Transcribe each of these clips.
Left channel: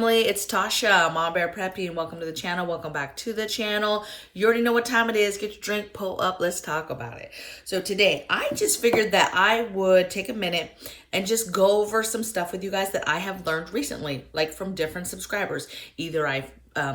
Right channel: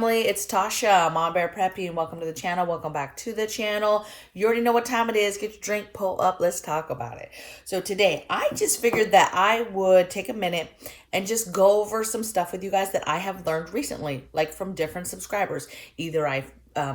family, it's Tasha, Mama Bear Prepping. Welcome to the channel. Welcome back to the channel. You already know what time it is. Get your drink, pull up, let's talk about it. So today, I just figured that I would take a minute and just go over some stuff with you guys that I have learned recently, like from different subscribers. Either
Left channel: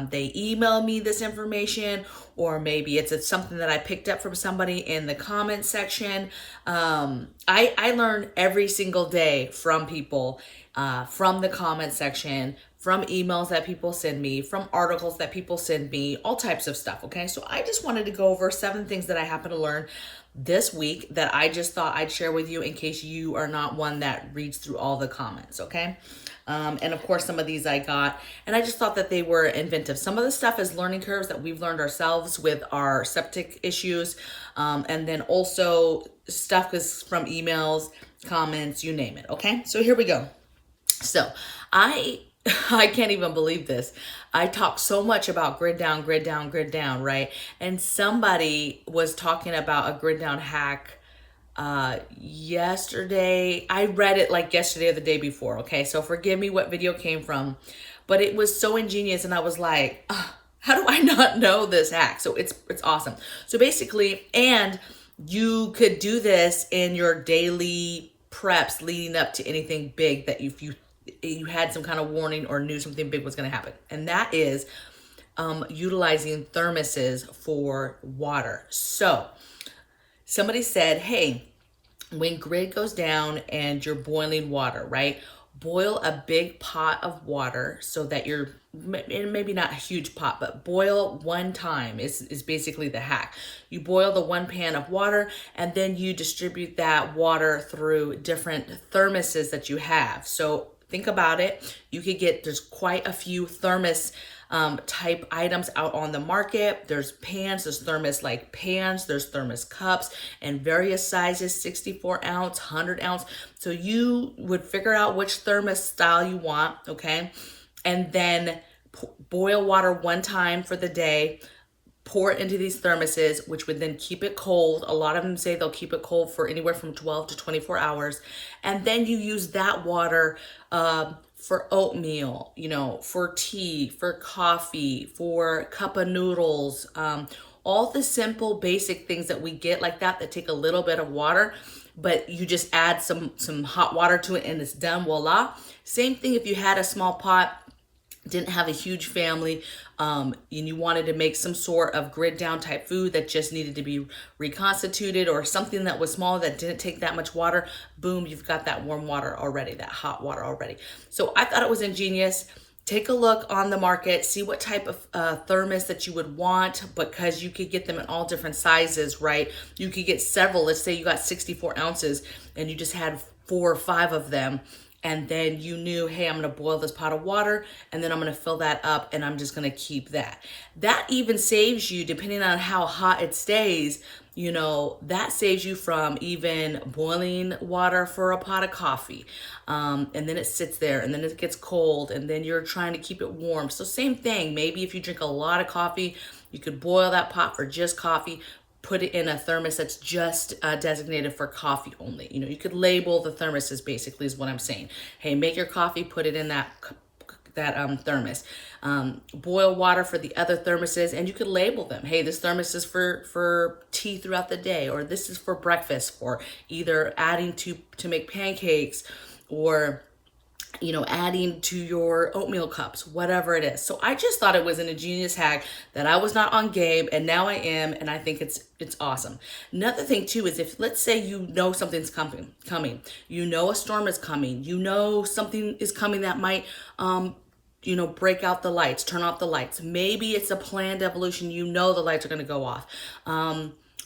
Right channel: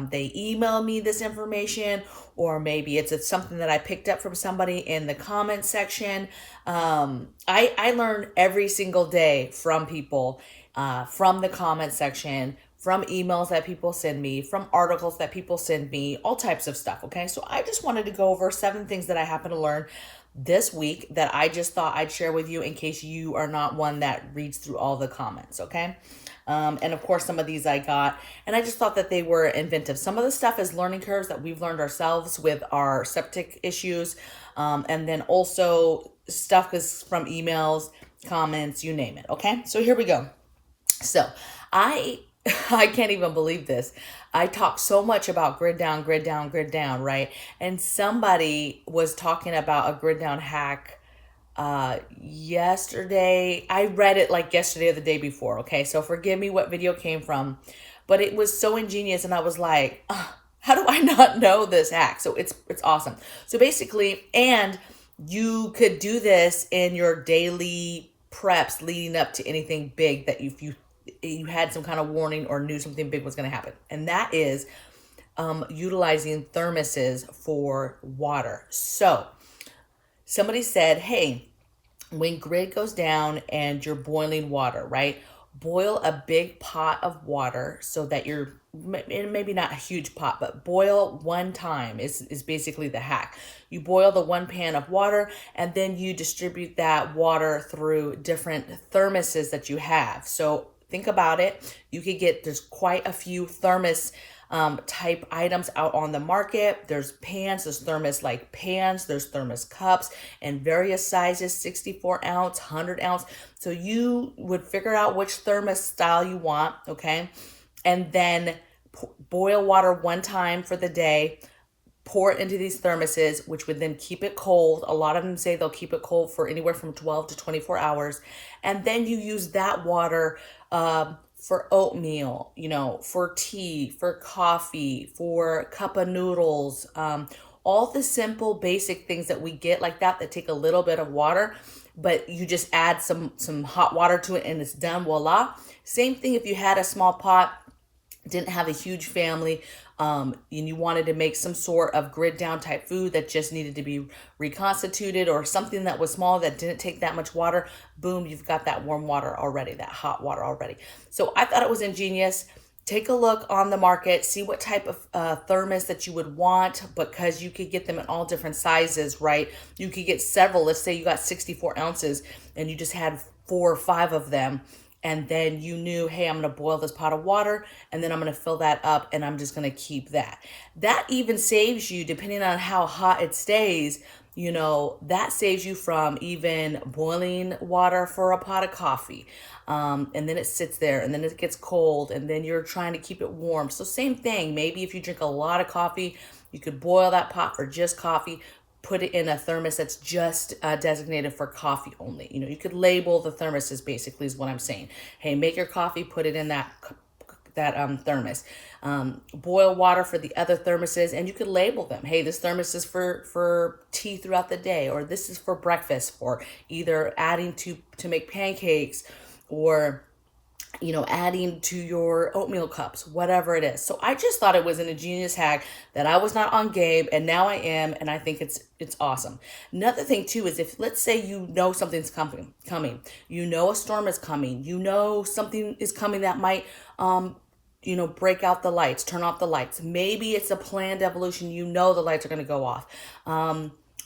they email me this information, or maybe it's something that I picked up from somebody in the comment section. I learn every single day from people, from the comment section, from emails that people send me, from articles that people send me, all types of stuff. Okay, so I just wanted to go over 7 things that I happen to learn this week that I just thought I'd share with you in case you are not one that reads through all the comments. Okay. And of course, some of these I got, and I just thought that they were inventive. Some of the stuff is learning curves that we've learned ourselves with our septic issues. And then also stuff is from emails, comments, you name it. Okay. So here we go. So I can't even believe this. I talk so much about grid down, grid down, grid down, right? And somebody was talking about a grid down hack yesterday. I read it like yesterday or the day before. Okay. So forgive me what video came from, but it was so ingenious. And I was like, how do I not know this hack? So it's awesome. So basically, and you could do this in your daily preps leading up to anything big that if you had some kind of warning or knew something big was going to happen. And that is utilizing thermoses for water. So somebody said, hey, when grid goes down and you're boiling water, right? Boil a big pot of water so that you're, maybe not a huge pot, but boil one time is basically the hack. You boil the 1 pan of water and then you distribute that water through different thermoses that you have. So think about it. You could there's quite a few thermos type items out on the market. There's pans, there's thermos like pans, there's thermos cups and various sizes, 64 ounce, 100 ounce. So you would figure out which thermos style you want, okay? And then boil water 1 time for the day, pour it into these thermoses, which would then keep it cold. A lot of them say they'll keep it cold for anywhere from 12 to 24 hours. And then you use that water for oatmeal, for tea, for coffee, for cup of noodles, all the simple basic things that we get like that take a little bit of water, but you just add some hot water to it and it's done, voila. Same thing if you had a small pot, didn't have a huge family, and you wanted to make some sort of grid down type food that just needed to be reconstituted, or something that was small that didn't take that much water, boom, you've got that warm water already, that hot water already. So I thought it was ingenious. Take a look on the market, see what type of thermos that you would want, because you could get them in all different sizes, right? You could get several. Let's say you got 64 ounces and you just had 4 or 5 of them. And then you knew, hey, I'm going to boil this pot of water and then I'm going to fill that up and I'm just going to keep that. That even saves you, depending on how hot it stays, that saves you from even boiling water for a pot of coffee. And then it sits there and then it gets cold and then you're trying to keep it warm. So same thing, maybe if you drink a lot of coffee, you could boil that pot for just coffee, put it in a thermos that's just designated for coffee only. You could label the thermoses, basically is what I'm saying. Hey, make your coffee, put it in that thermos. Boil water for the other thermoses, and you could label them. Hey, this thermos is for tea throughout the day, or this is for breakfast, for either adding to make pancakes, or adding to your oatmeal cups, whatever it is. So I just thought it was an ingenious hack that I was not on game, and now I am, and I think it's awesome. Another thing too is, if let's say something's coming, a storm is coming, something is coming that might break out the lights, turn off the lights. Maybe it's a planned evolution, the lights are going to go off.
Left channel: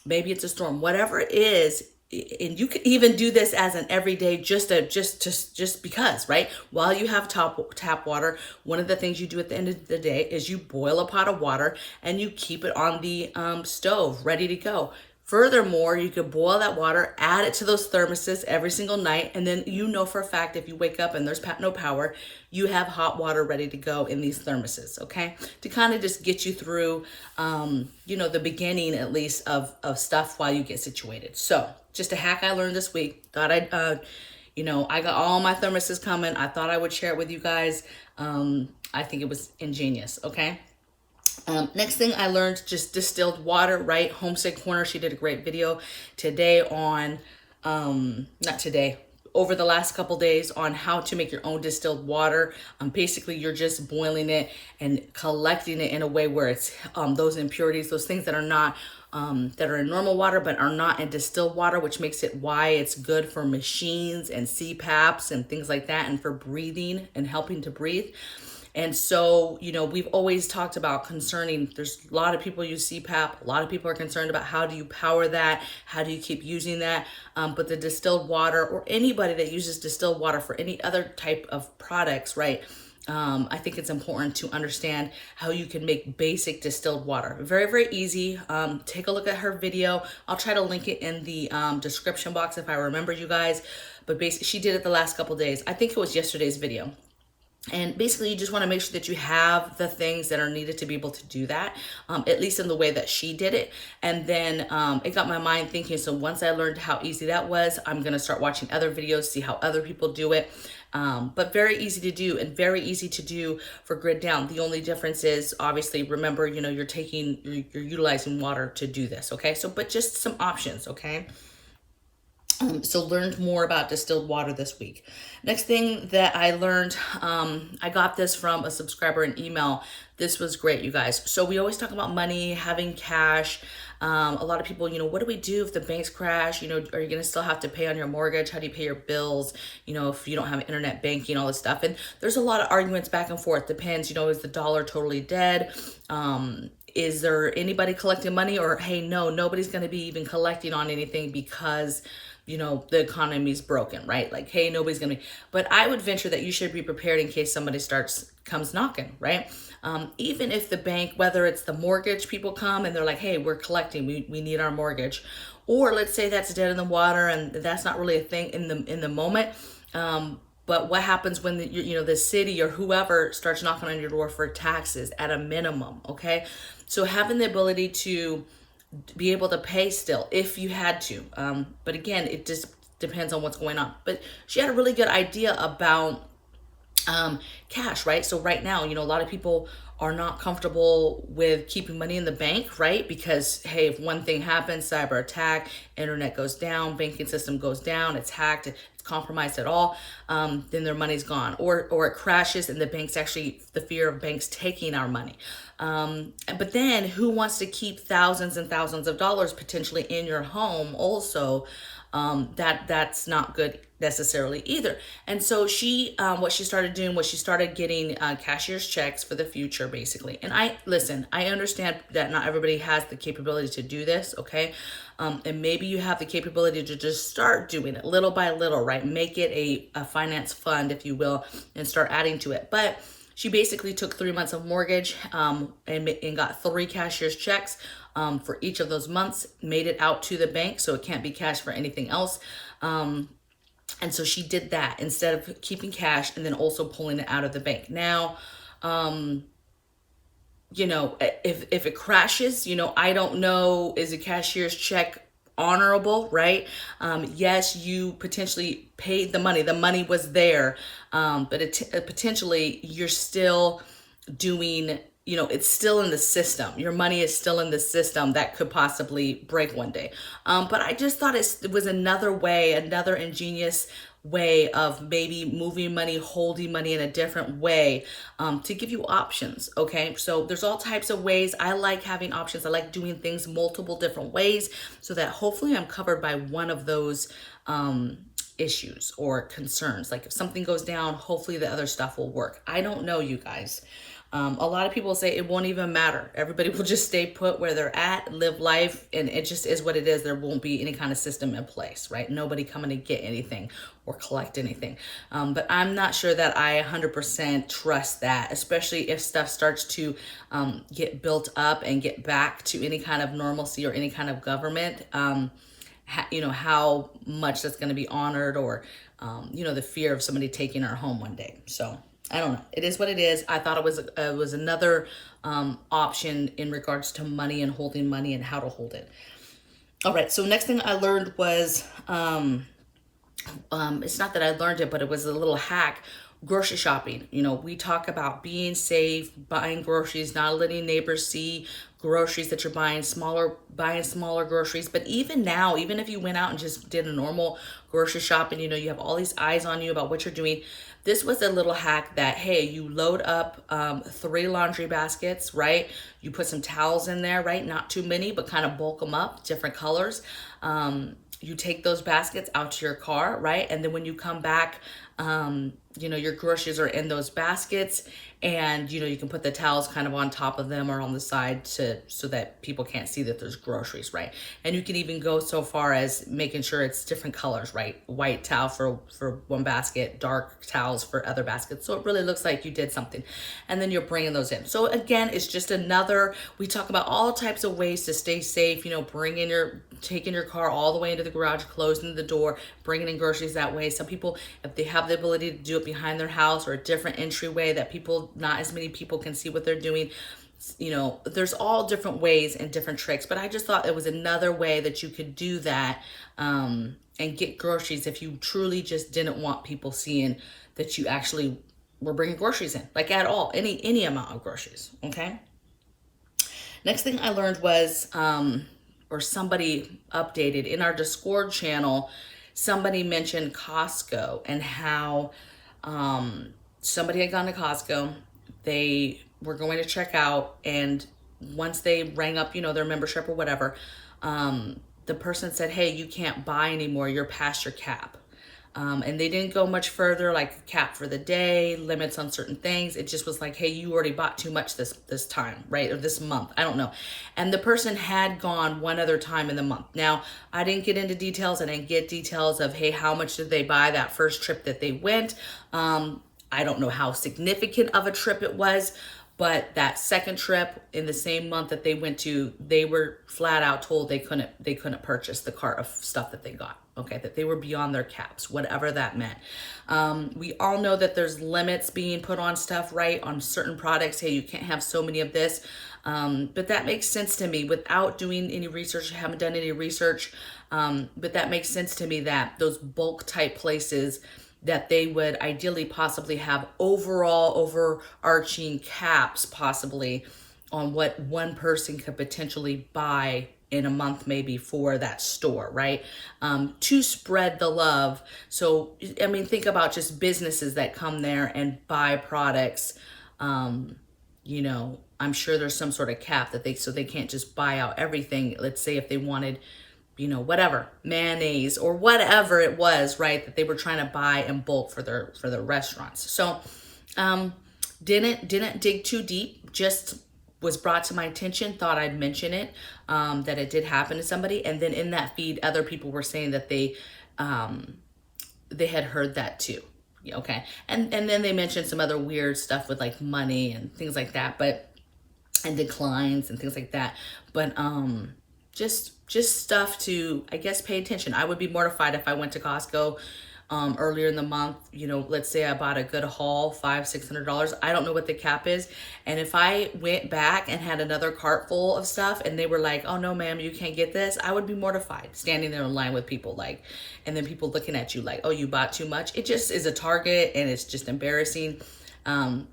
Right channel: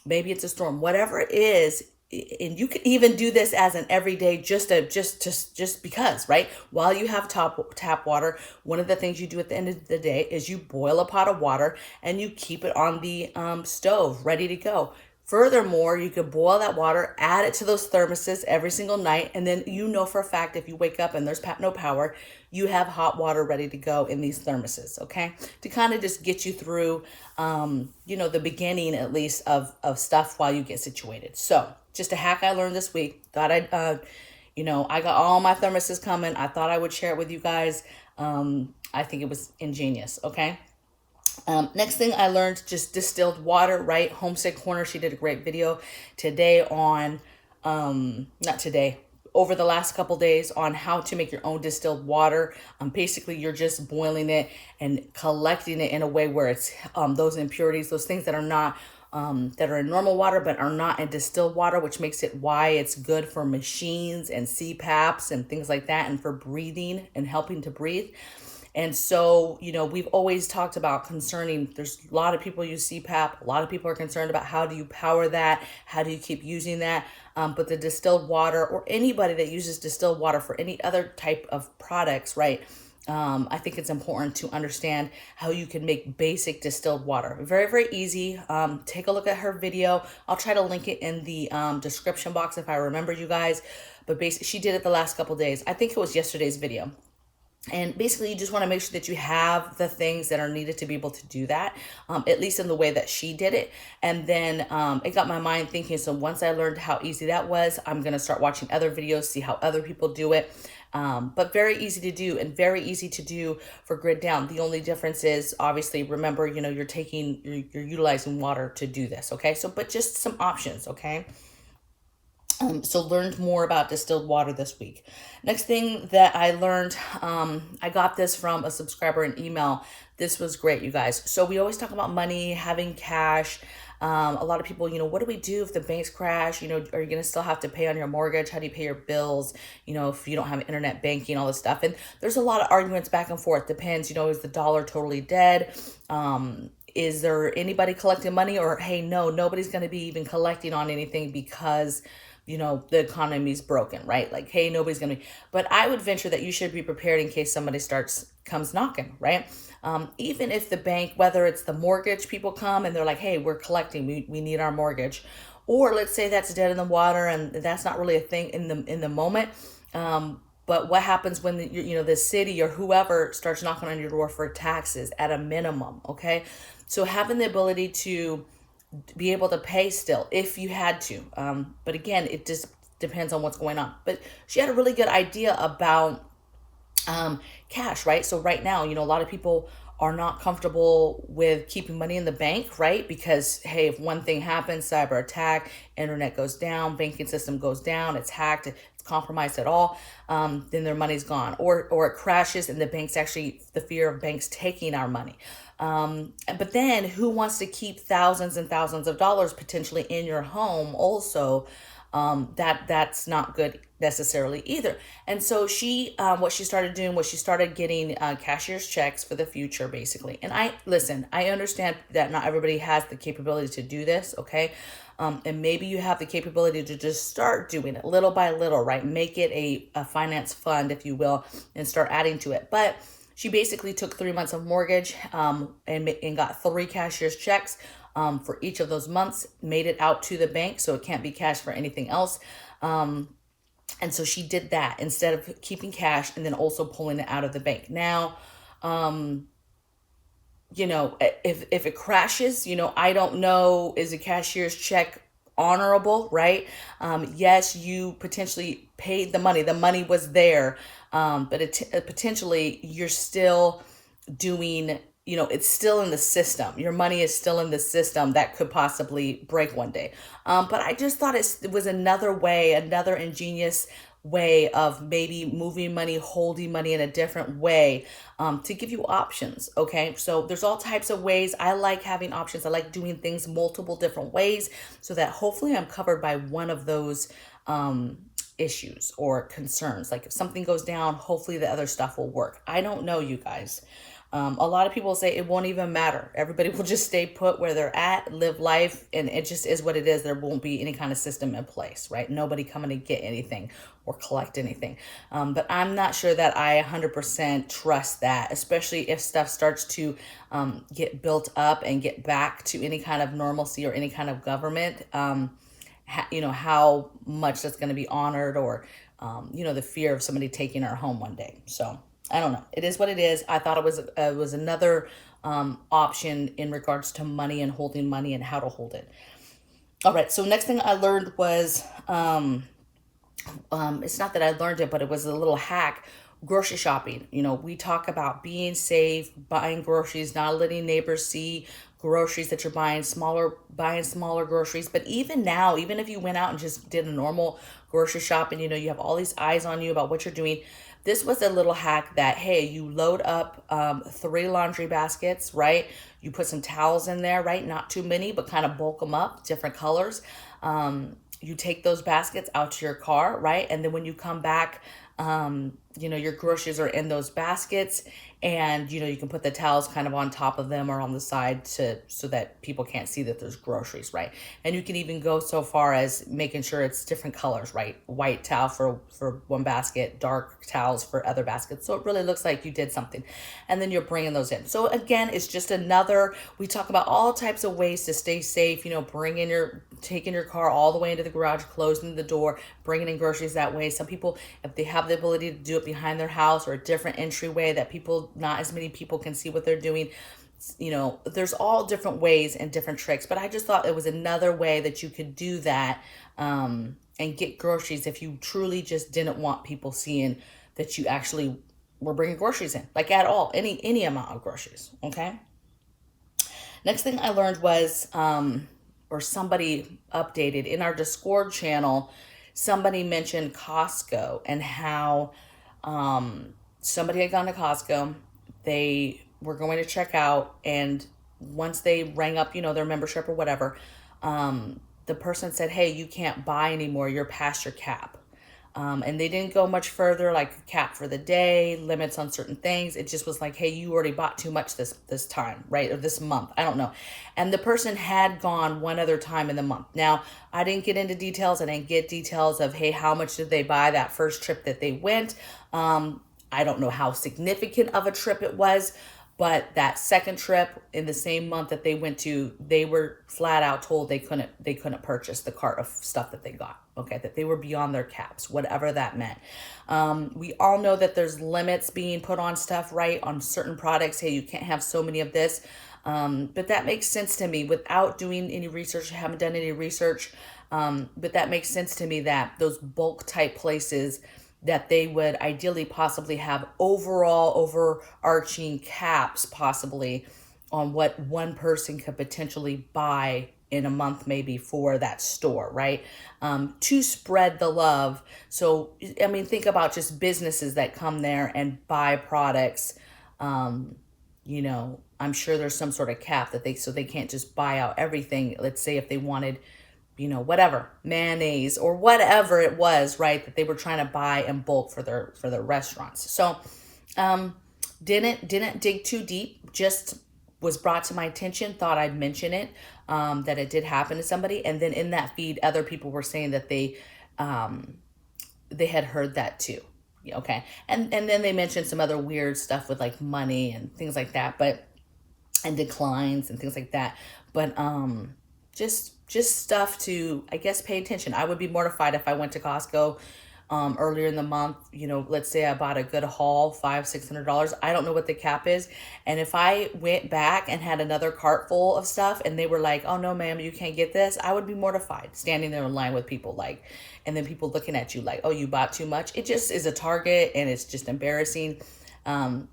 Maybe it's a storm, whatever it is. And you can even do this as an everyday, just because, right? While you have tap water, one of the things you do at the end of the day is you boil a pot of water and you keep it on the stove ready to go. Furthermore, you could boil that water, add it to those thermoses every single night, and then for a fact if you wake up and there's no power, you have hot water ready to go in these thermoses, okay? To kind of just get you through, the beginning at least of stuff while you get situated. So just a hack I learned this week. Thought I got all my thermoses coming. I thought I would share it with you guys. I think it was ingenious. Okay. Next thing I learned, just distilled water, right? Homestead Corner, she did a great video today on, not today, over the last couple days on how to make your own distilled water. Basically, you're just boiling it and collecting it in a way where it's those impurities, those things that are not, that are in normal water but are not in distilled water, which makes it why it's good for machines and CPAPs and things like that, and for breathing and helping to breathe. And so, we've always talked about concerning, there's a lot of people use CPAP. A lot of people are concerned about how do you power that? How do you keep using that? But the distilled water, or anybody that uses distilled water for any other type of products, right? I think it's important to understand how you can make basic distilled water. Very, very easy. Take a look at her video. I'll try to link it in the description box if I remember, you guys. But basically, she did it the last couple days. I think it was yesterday's video. And basically, you just want to make sure that you have the things that are needed to be able to do that, at least in the way that she did it. And then it got my mind thinking, so once I learned how easy that was, I'm going to start watching other videos, see how other people do it. But very easy to do, and very easy to do for grid down. The only difference is, obviously, remember, you're utilizing water to do this. Okay. So, but just some options. Okay. So learned more about distilled water this week. Next thing that I learned, I got this from a subscriber in email. This was great, you guys. So we always talk about money, having cash. A lot of people, what do we do if the banks crash? Are you going to still have to pay on your mortgage? How do you pay your bills? If you don't have internet banking, all this stuff. And there's a lot of arguments back and forth. Depends, is the dollar totally dead? Is there anybody collecting money? Or, hey, no, nobody's going to be even collecting on anything because the economy's broken, right? Like, hey, nobody's gonna be, but I would venture that you should be prepared in case somebody comes knocking, right? Even if the bank, whether it's the mortgage people come and they're like, hey, we're collecting, we need our mortgage. Or let's say that's dead in the water and that's not really a thing in the moment. But what happens when the city or whoever starts knocking on your door for taxes at a minimum, okay? So having the ability to be able to pay still if you had to. But again, it just depends on what's going on. But she had a really good idea about cash, right? So right now, a lot of people are not comfortable with keeping money in the bank, right? Because, hey, if one thing happens, cyber attack, internet goes down, banking system goes down, it's hacked, it's compromised at all, then their money's gone. Or it crashes and the fear of banks taking our money. But then who wants to keep thousands and thousands of dollars potentially in your home also? That's not good necessarily either. And so what she started doing was she started getting cashier's checks for the future, basically. And I understand that not everybody has the capability to do this, okay? And maybe you have the capability to just start doing it little by little, right? Make it a finance fund, if you will, and start adding to it. But she basically took 3 months of mortgage and got 3 cashier's checks for each of those months, made it out to the bank so it can't be cashed for anything else. And so she did that instead of keeping cash and then also pulling it out of the bank. Now, if it crashes, I don't know, is a cashier's check honorable, right? Yes, you potentially paid the money. The money was there, but potentially you're still doing, it's still in the system. Your money is still in the system that could possibly break one day. But I just thought it was another ingenious way of maybe moving money, holding money in a different way, to give you options. Okay. So there's all types of ways. I like having options. I like doing things multiple different ways so that hopefully I'm covered by one of those, issues or concerns. Like if something goes down, hopefully the other stuff will work. I don't know, you guys. A lot of people say it won't even matter. Everybody will just stay put where they're at, live life, and it just is what it is. There won't be any kind of system in place, right? Nobody coming to get anything or collect anything. But I'm not sure that I 100% trust that, especially if stuff starts to get built up and get back to any kind of normalcy or any kind of government. How much that's going to be honored, or, the fear of somebody taking our home one day. So I don't know. It is what it is. I thought it was another option in regards to money and holding money and how to hold it. All right. So next thing I learned was, it's not that I learned it, but it was a little hack, Grocery shopping, you know, we talk about being safe, buying groceries, not letting neighbors see groceries that you're buying smaller groceries. But even now, even if you went out and just did a normal grocery shopping, you know, you have all these eyes on you about what you're doing. This was a little hack that, hey, you load up 3 laundry baskets, right? You put some towels in there, right? Not too many, but kind of bulk them up, different colors. You take those baskets out to your car, right? And then when you come back, you know, your groceries are in those baskets, and you know, you can put the towels kind of on top of them or on the side so that people can't see that there's groceries, right? And you can even go so far as making sure it's different colors, right? White towel for one basket, dark towels for other baskets, so it really looks like you did something. And then you're bringing those in. So again, it's just another, we talk about all types of ways to stay safe, you know, taking your car all the way into the garage, closing the door, bringing in groceries that way. Some people, if they have the ability to do it behind their house or a different entryway that not as many people can see what they're doing, you know, there's all different ways and different tricks. But I just thought it was another way that you could do that, and get groceries if you truly just didn't want people seeing that you actually were bringing groceries in, like at all, any amount of groceries. Okay. Next thing I learned was, or somebody updated in our Discord channel, somebody mentioned Costco and how somebody had gone to Costco. They were going to check out, and once they rang up, you know, their membership or whatever, the person said, hey, you can't buy anymore. You're past your cap. And they didn't go much further, like a cap for the day, limits on certain things. It just was like, hey, you already bought too much this time, right? Or this month, I don't know. And the person had gone one other time in the month. Now, I didn't get into details. I didn't get details of, hey, how much did they buy that first trip that they went? I don't know how significant of a trip it was, but that second trip in the same month that they went to, they were flat out told they couldn't purchase the cart of stuff that they got. Okay, that they were beyond their caps, whatever that meant. We all know that there's limits being put on stuff, right? On certain products. Hey, you can't have so many of this. But that makes sense to me without doing any research. I haven't done any research. But that makes sense to me that those bulk type places, that they would ideally possibly have overarching caps possibly on what one person could potentially buy in a month maybe for that store, right? To spread the love. So, I mean, think about just businesses that come there and buy products. You know, I'm sure there's some sort of cap that so they can't just buy out everything. Let's say if they wanted, you know, whatever, mayonnaise or whatever it was, right, that they were trying to buy in bulk for their restaurants. So didn't dig too deep, just was brought to my attention, thought I'd mention it, that it did happen to somebody. And then in that feed, other people were saying that they had heard that too. Okay. And then they mentioned some other weird stuff with like money and things like that, and declines and things like that. But just stuff to, I guess, pay attention. I would be mortified if I went to Costco earlier in the month. You know, let's say I bought a good haul, $500-$600. I don't know what the cap is. And if I went back and had another cart full of stuff and they were like, oh no, ma'am, you can't get this, I would be mortified standing there in line with people like, and then people looking at you like, oh, you bought too much. It just is a Target and it's just embarrassing.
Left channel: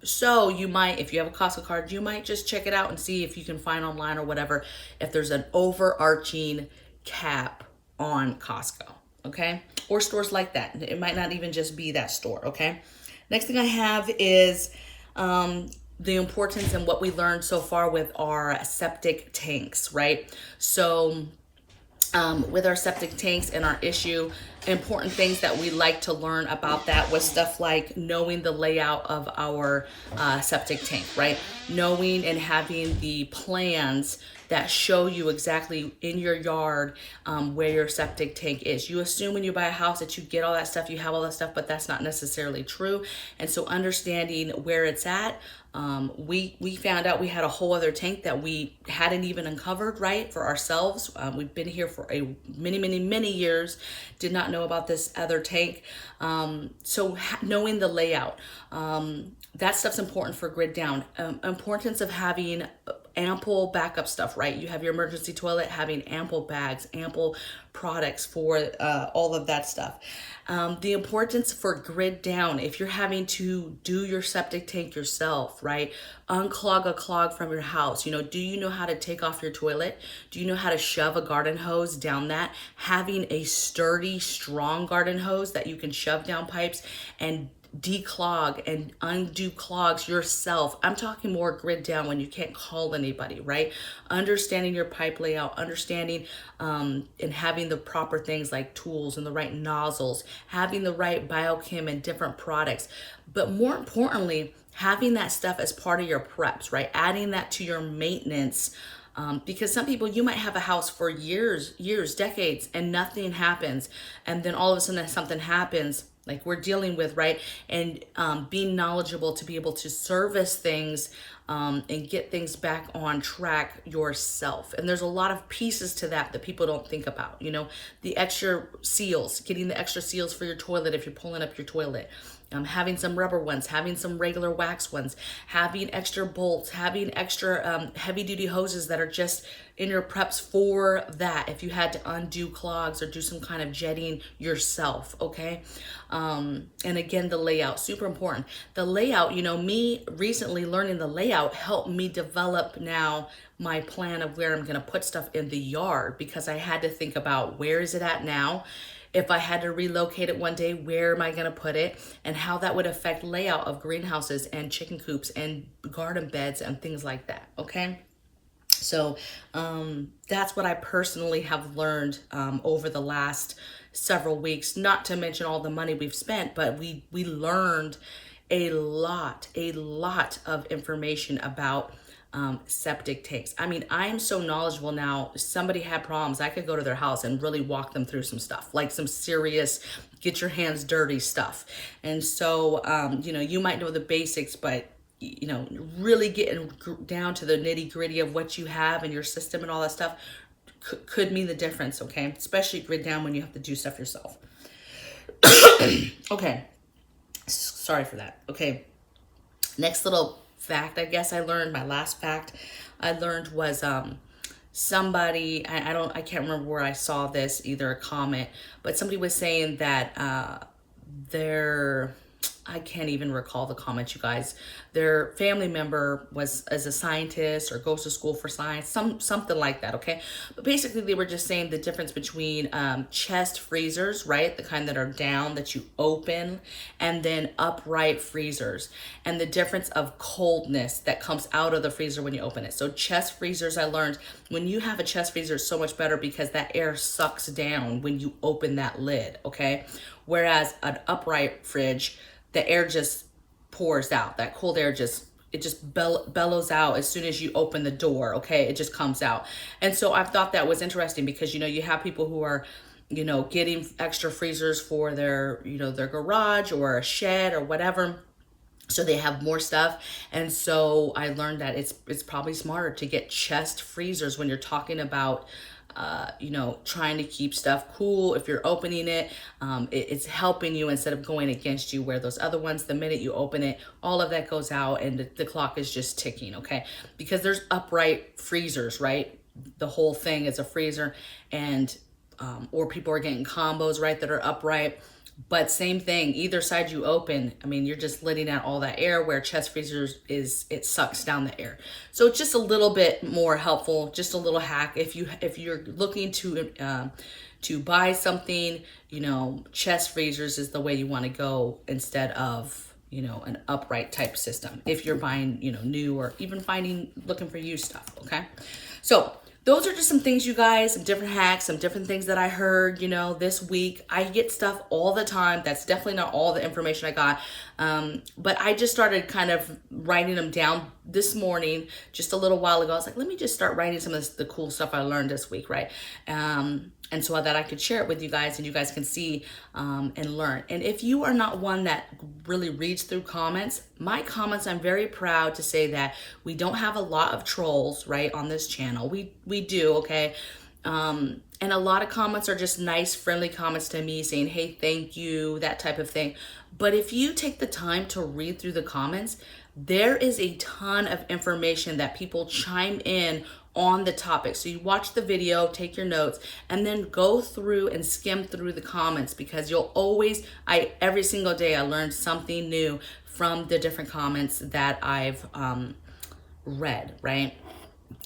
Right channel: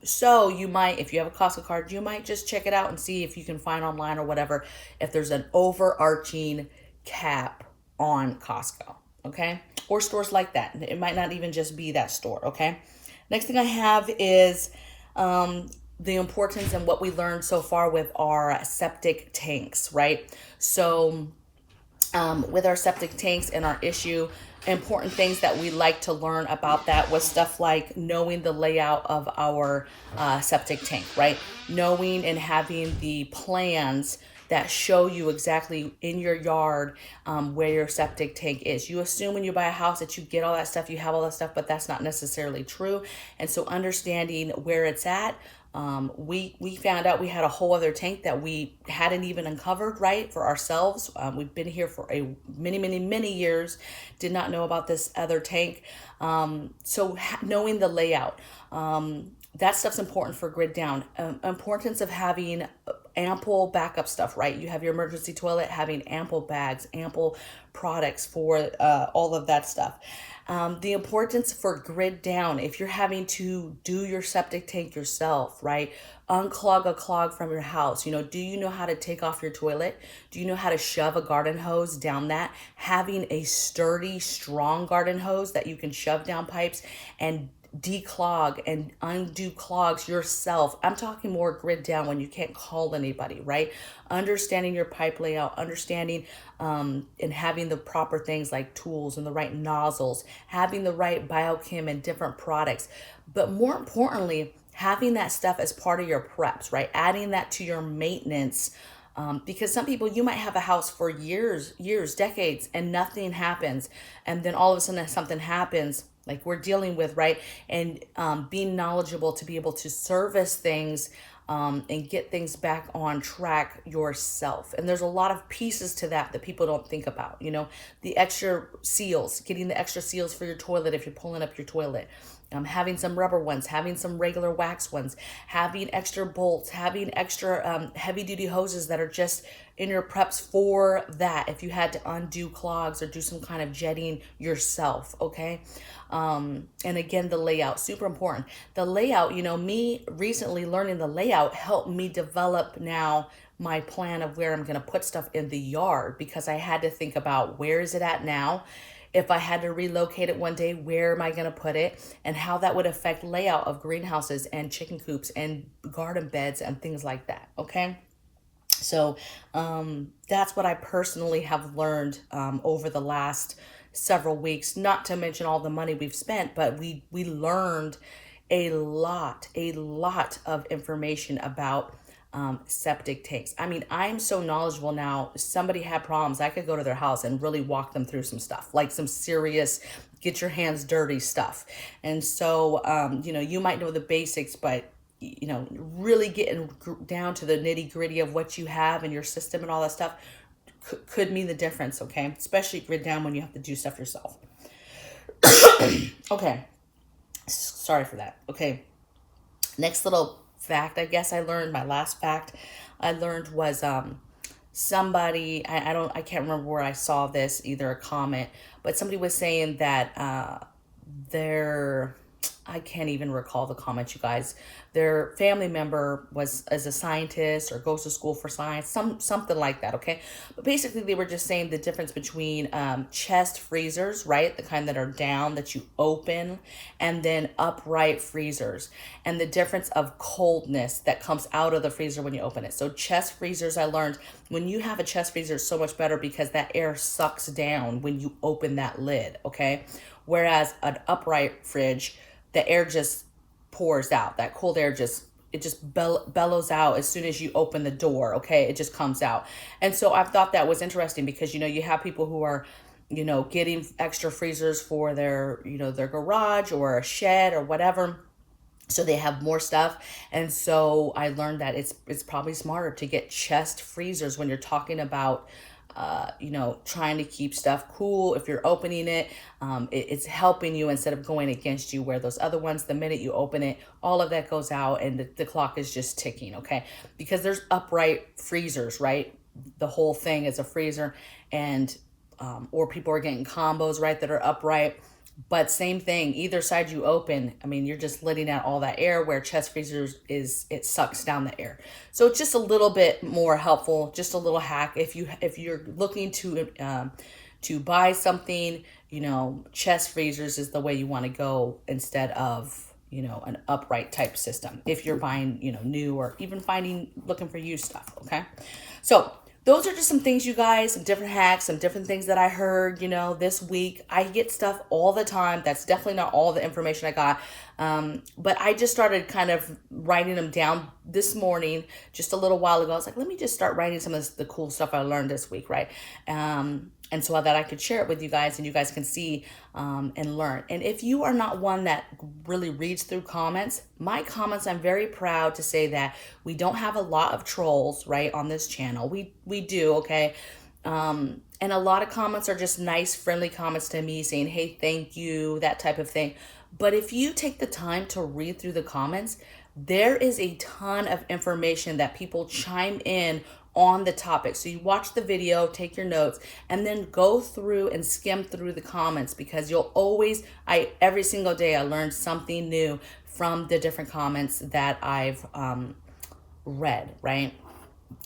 So you might, if you have a Costco card, you might just check it out and see if you can find online or whatever, if there's an overarching cap on Costco, okay? Or stores like that. It might not even just be that store, okay? Next thing I have is the importance and what we learned so far with our septic tanks, right? So with our septic tanks and our issue, important things that we like to learn about that was stuff like knowing the layout of our septic tank, right? Knowing and having the plans that show you exactly in your yard where your septic tank is. You assume when you buy a house that you get all that stuff, you have all that stuff, but that's not necessarily true. And so understanding where it's at, we found out we had a whole other tank that we hadn't even uncovered, right, for ourselves. We've been here for many years, did not know about this other tank. So knowing the layout, that stuff's important for grid down. Importance of having ample backup stuff, right? You have your emergency toilet, having ample bags, ample products for all of that stuff. The importance for grid down. If you're having to do your septic tank yourself, right? Unclog a clog from your house. Do you know how to take off your toilet? Do you know how to shove a garden hose down that? Having a sturdy, strong garden hose that you can shove down pipes and declog and undo clogs yourself. I'm talking more grid down when you can't call anybody, right? Understanding your pipe layout, understanding and having the proper things like tools and the right nozzles, having the right biochem and different products. But more importantly, having that stuff as part of your preps, right? Adding that to your maintenance. Because some people, you might have a house for years, decades, and nothing happens. And then all of a sudden something happens like we're dealing with, right? And being knowledgeable to be able to service things and get things back on track yourself. And there's a lot of pieces to that people don't think about. The extra seals, getting the extra seals for your toilet if you're pulling up your toilet. Having some rubber ones, having some regular wax ones, having extra bolts, having extra heavy duty hoses that are just in your preps for that if you had to undo clogs or do some kind of jetting yourself, okay? And again, the layout, super important. The layout, me recently learning the layout helped me develop now my plan of where I'm gonna put stuff in the yard, because I had to think about where is it at now? If I had to relocate it one day, where am I going to put it, and how that would affect layout of greenhouses and chicken coops and garden beds and things like that. Okay. So that's what I personally have learned over the last several weeks, not to mention all the money we've spent, but we learned a lot of information about septic tanks. I mean, I'm so knowledgeable now. If somebody had problems, I could go to their house and really walk them through some stuff, like some serious get your hands dirty stuff. And so, you might know the basics, but really getting down to the nitty gritty of what you have in your system and all that stuff could mean the difference. Okay. Especially grid down when you have to do stuff yourself. Okay. Sorry for that. Okay. Next little fact, I guess I learned, my last fact I learned was somebody, I can't remember where I saw this, either a comment, but somebody was saying that I can't even recall the comment, you guys. Their family member was as a scientist or goes to school for science, something like that, okay? But basically they were just saying the difference between chest freezers, right? The kind that are down that you open, and then upright freezers, and the difference of coldness that comes out of the freezer when you open it. So chest freezers, I learned, when you have a chest freezer, it's so much better because that air sucks down when you open that lid, okay? Whereas an upright fridge, the air just pours out. That cold air just bellows out as soon as you open the door, okay? It just comes out. And so I thought that was interesting because, you have people who are, getting extra freezers for their, their garage or a shed or whatever. So they have more stuff. And so I learned that it's probably smarter to get chest freezers when you're talking about trying to keep stuff cool. If you're opening it, it's helping you instead of going against you, where those other ones, the minute you open it, all of that goes out and the clock is just ticking, okay? Because there's upright freezers, right? The whole thing is a freezer, and or people are getting combos, right, that are upright. But same thing, either side you open, I mean, you're just letting out all that air, where chest freezers it sucks down the air. So it's just a little bit more helpful, just a little hack. If you're looking to buy something, chest freezers is the way you want to go instead of, an upright type system. If you're buying, new, or even looking for used stuff, okay? So those are just some things, you guys, some different hacks, some different things that I heard, this week. I get stuff all the time. That's definitely not all the information I got. But I just started kind of writing them down this morning, just a little while ago. I was like, let me just start writing some of the cool stuff I learned this week, right? And so that I could share it with you guys and you guys can see and learn. And if you are not one that really reads through comments, my comments, I'm very proud to say that we don't have a lot of trolls, right, on this channel. We do, okay? And a lot of comments are just nice, friendly comments to me saying, hey, thank you, that type of thing. But if you take the time to read through the comments, there is a ton of information that people chime in on the topic. So you watch the video, take your notes, and then go through and skim through the comments, because you'll always, every single day I learn something new from the different comments that I've read, right?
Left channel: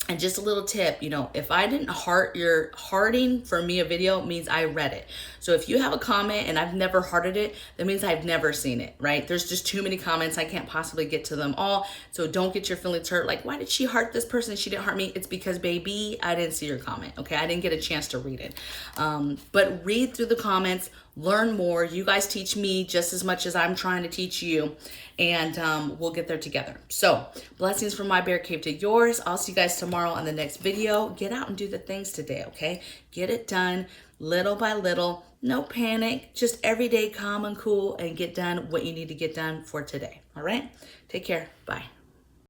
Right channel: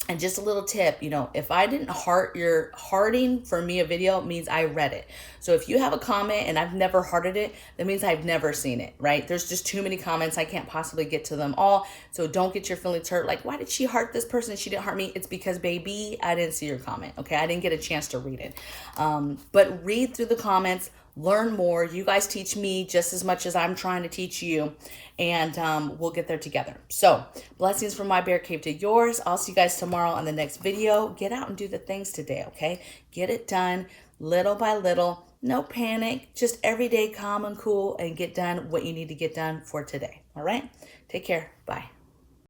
And just a little tip, if I didn't hearting for me a video means I read it. So if you have a comment and I've never hearted it, that means I've never seen it, right? There's just too many comments. I can't possibly get to them all. So don't get your feelings hurt. Like, why did she heart this person and she didn't heart me? It's because, baby, I didn't see your comment, okay? I didn't get a chance to read it. But read through the comments, learn more. You guys teach me just as much as I'm trying to teach you, and we'll get there together. So blessings from my bear cave to yours. I'll see you guys tomorrow on the next video. Get out and do the things today, okay? Get it done little by little. No panic, just every day calm and cool, and get done what you need to get done for today. All right? Take care. Bye.